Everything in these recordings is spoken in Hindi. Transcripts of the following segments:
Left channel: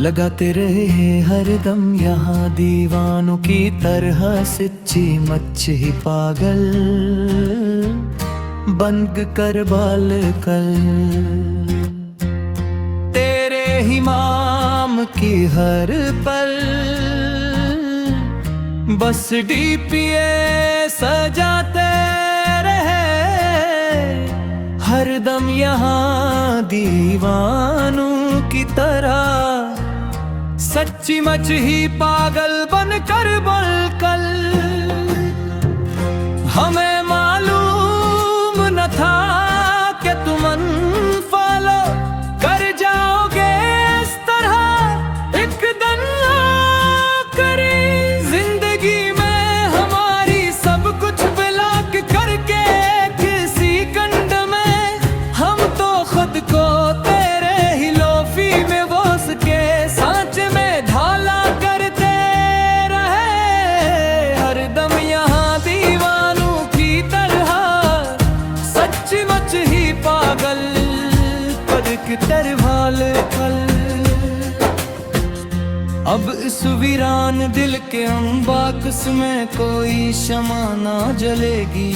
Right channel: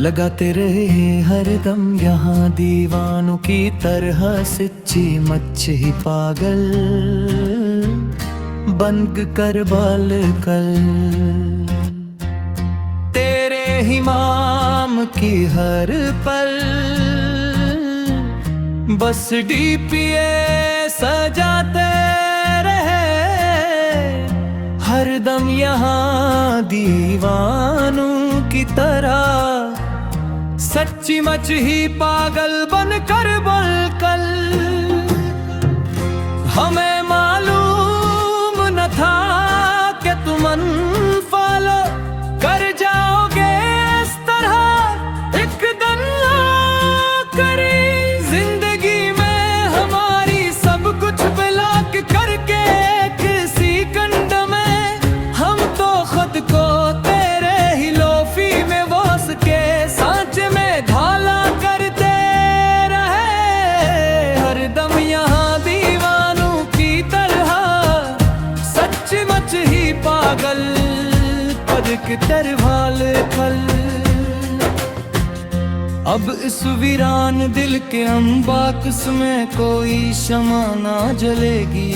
लगाते रहे हरदम यहाँ दीवानों की तरह सच्ची मच्छी पागल बंद कर बाल कल। तेरे ही माम की हर पल बस डीपीए सजाते रहे हरदम यहाँ दीवानों की तरह सच्ची मच ही पागल बनकर बलकल। हमें मालूम न था कि तुम अनफॉलो कर जाओगे इस तरह एक दिन करी जिंदगी में हमारी सब कुछ ब्लॉक करके किसी कंड में हम तो खुद को तेरे ही लोफी में वोस के सांच में ढाला करते रहे हरदम यहाँ दीवानों की तरह सच्ची मच ही पागल पद के तरवाल कल। अब इस वीरान दिल के अम्बाकस में कोई शमा ना जलेगी।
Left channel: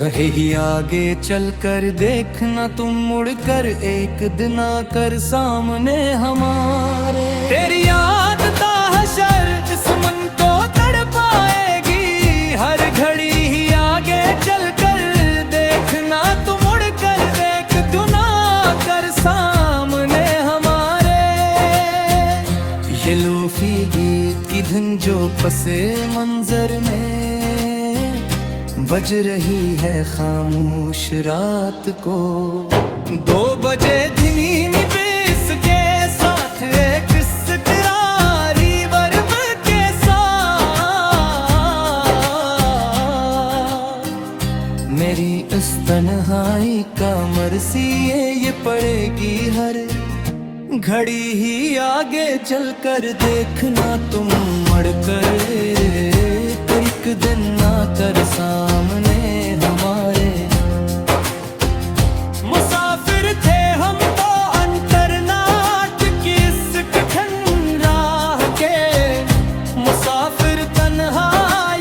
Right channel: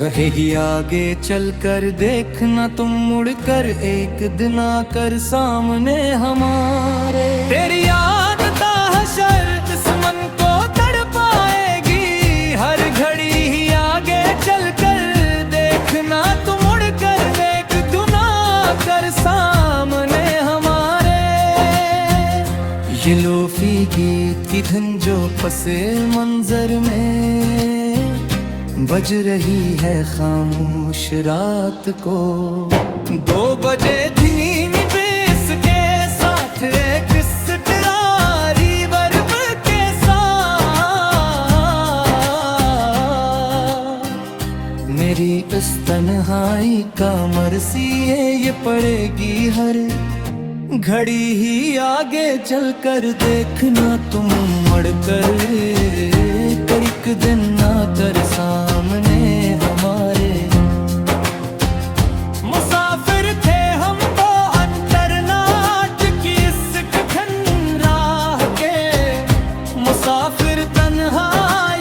कहे ही आगे चलकर देखना तुम मुड़कर एक दिन आकर सामने हमारे। तेरी याद ताहशर इस मन को तड़पाएगी हर घड़ी ही आगे चलकर देखना तुम मुड़कर एक दिन आकर सामने हमारे। ये लोफी गीत की धुन जो पसे मंजर में बज रही है खामोश रात को 2 बजे धीमी बेस के साथ एक सितारी वर्ब के साथ मेरी इस तन्हाई का मरसी ये पड़ेगी हर घड़ी ही आगे चलकर देखना तुम मड़कर एक दिन आकर सामने हमारे। मुसाफिर थे हम तो अंतरनाट की इस कठिन राह के मुसाफिर तन्हा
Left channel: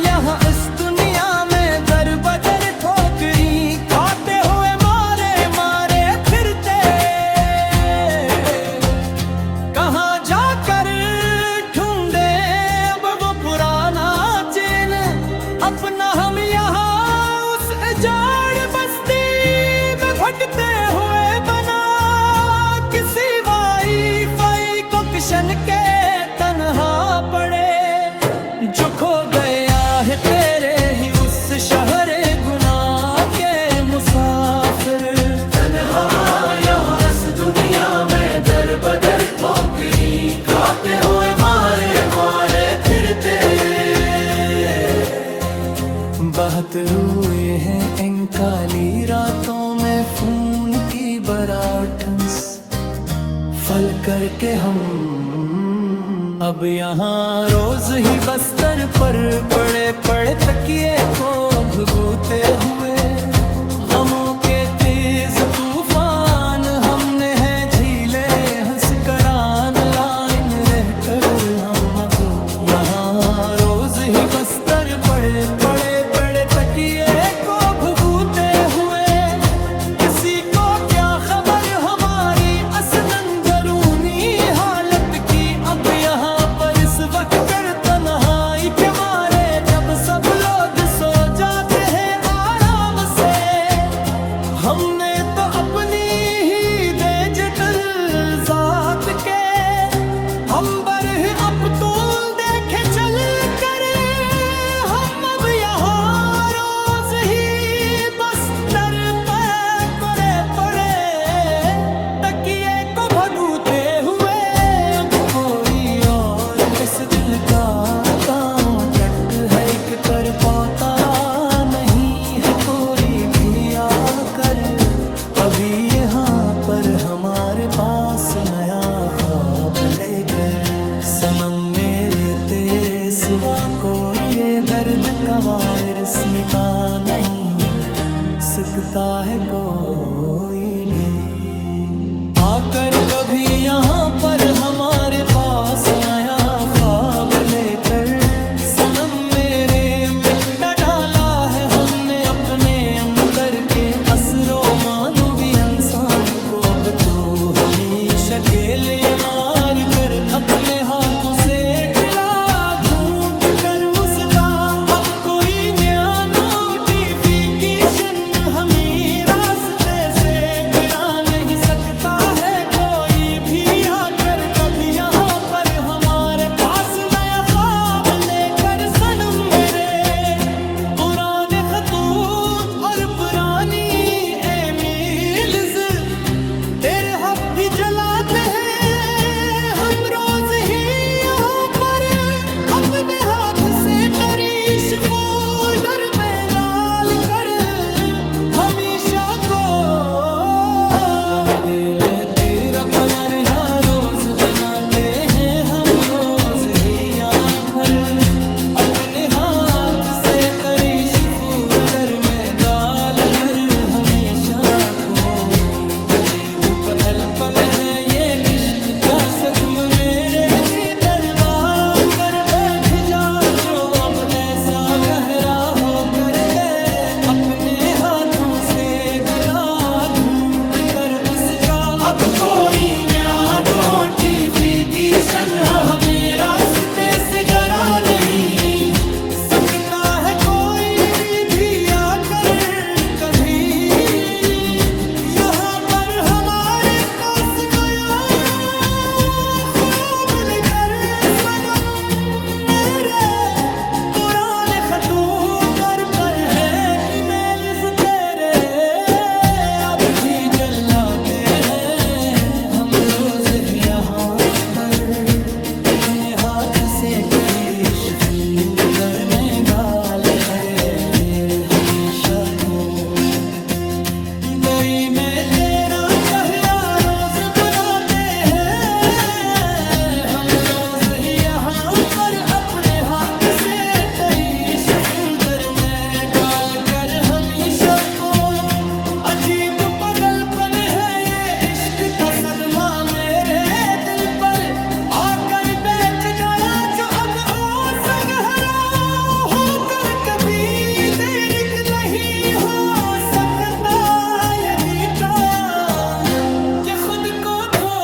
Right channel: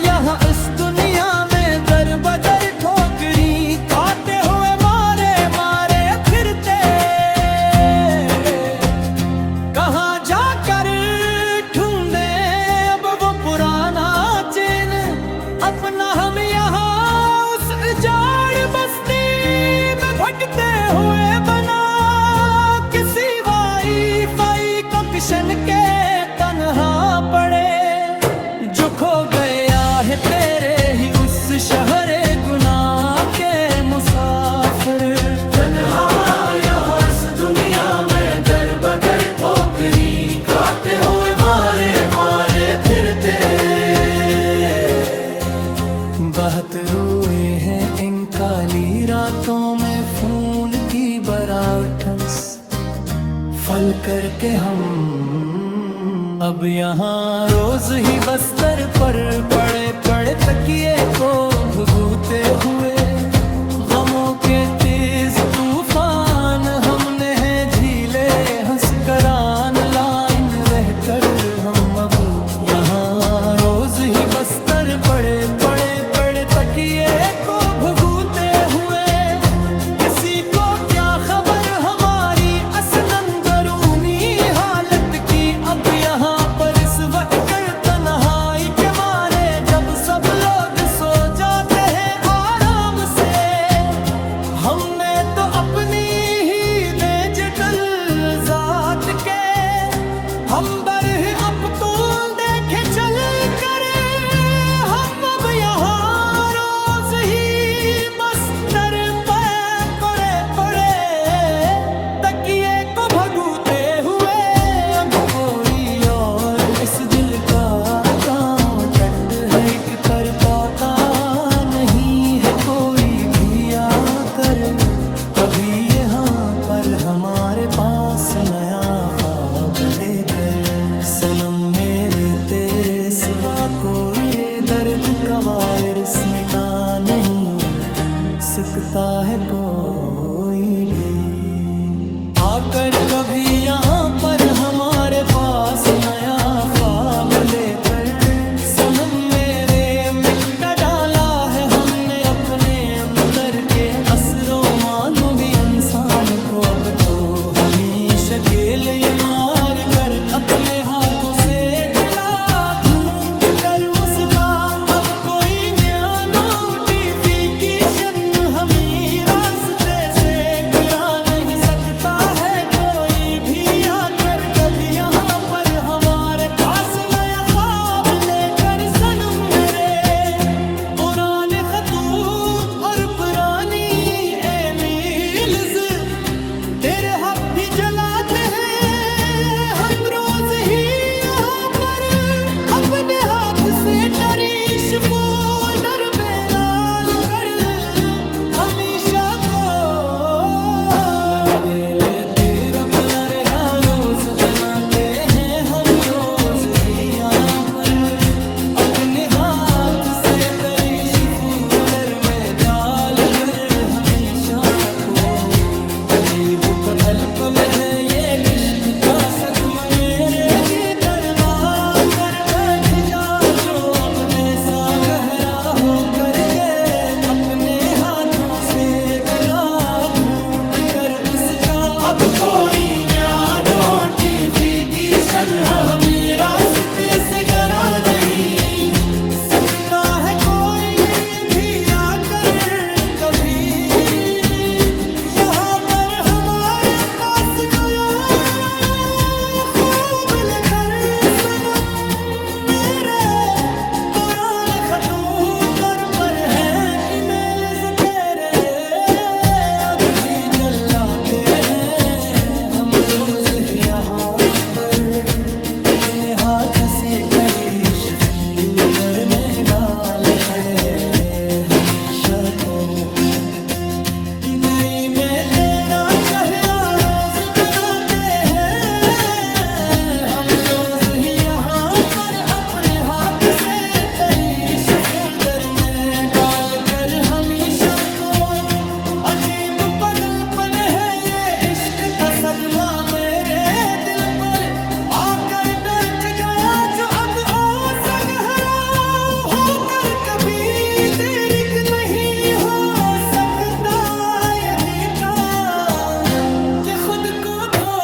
यहाँ इस दुनिया में दर बदर ठोकरी खाते हुए मारे मारे फिरते कहाँ जाकर ढूंढे अब वो पुराना चैन अपना। हम यहाँ उस जाड़ बस्ती में भटकते हुए बना किसी वाईफाई कनेक्शन के तन्हा पड़े जो खो गया है तेरे ही उस शहरे गुनाह के मुसाफिर। तन्हा यहाँ इस दुनिया में दर बदर ठोकरी खाते हुए मारे मारे फिरते बहुत रोए हैं इन काली रातों में खून की बराठंस फल करके हम अब यहाँ रोज ही बस्तर पर पड़े पड़े तकिए को भुगूते हुए गमों के तेज तूफान हमने हैं झीले हंस करान लाइन रहकर हम अब यहाँ रोज ही बस्तर पड़े पड़े पड़े तकिए को भुगूते हुए किसी को क्या खबर हमारी असलन दरूनी हालत की। अब यहाँ पर इस वक्त कर तन्हाई के मारे जब सब लोग सो जाते हैं आराम से हमने तो अपनी ही डिजिटल जात के हम बर अब तो देखे चल कर हम अब यहाँ रोज ही बस्तर पे पड़े पड़े तकिए को भगूते हुए अब कोई और इस दिल का गाँव टट है एक कर पाता नहीं है कोई भी आकर कभी यहाँ पर हमारे पास नया ख्वाब लेकर। सनम मेरे तेरे सिवा कोई ये दर्द का वायरस मिटा नहीं सकता है कोई भी। आकर कभी यहाँ पर हमारे पास नया ख्वाब लेकर। सनम मेरे मिटा डाला है हमने अपने अंदर के असरो मानो भी इंसान को। अब तो हमेशा के लिए मार कर अपने हाथों से गिला घूंट कर उसका। अब कोई नया नोटिफिकेशन हमें रास्ते से गिरा नहीं सकता है कोई भी आकर कभी यहाँ पर हमारे पास नया ख्वाब लेकर। सनम मेरे पुराने खतूत और पुरानी ईमेल्स तेरे हक भी जलाते हैं हम रोज ही यहाँ पर। अपने हाथ से तरीश फोल्डर पे नाल कर हमेशा को दे लेते अपना रेहा रोज बनाते हैं हम रोज ही यहाँ पर। अपने हाथ से तरीश फोल्डर में डाल कर हमेशा को। अजीब का अल्पम है ये इश्क का सदम मेरे दी दरबार कर बैठ जा जो अब ऐसा गहरा हो करके। अपने हाथों से गिला घूंट कर उसका। अब कोई नोटिफिकेशन हमें रास्ते से गरा नहीं सकता है कोई भी आकर कभी यहाँ पर हमारे पास गया ख्वाब लेकर। सनम मेरे पुराने खतों पर है ईमेल्स तेरे अब भी जलाते हैं हम रोज ही यहाँ पर। अपने हाथ से तरीश फोल्डर में डाल खड़े हमेशा को। दई में तेरा चेहरा रोज बनाते हैं हम रोज ही यहाँ पर। अपने हाथ से तरीश फोल्डर में डाल कर हमेशा को। अजीब पागलपन है ये इश्क का सदमा मेरे दिल पर आकर बैठ गया जो अब ओ गहरा होकर कभी देर नहीं हो सकता यदि का कि खुद को खो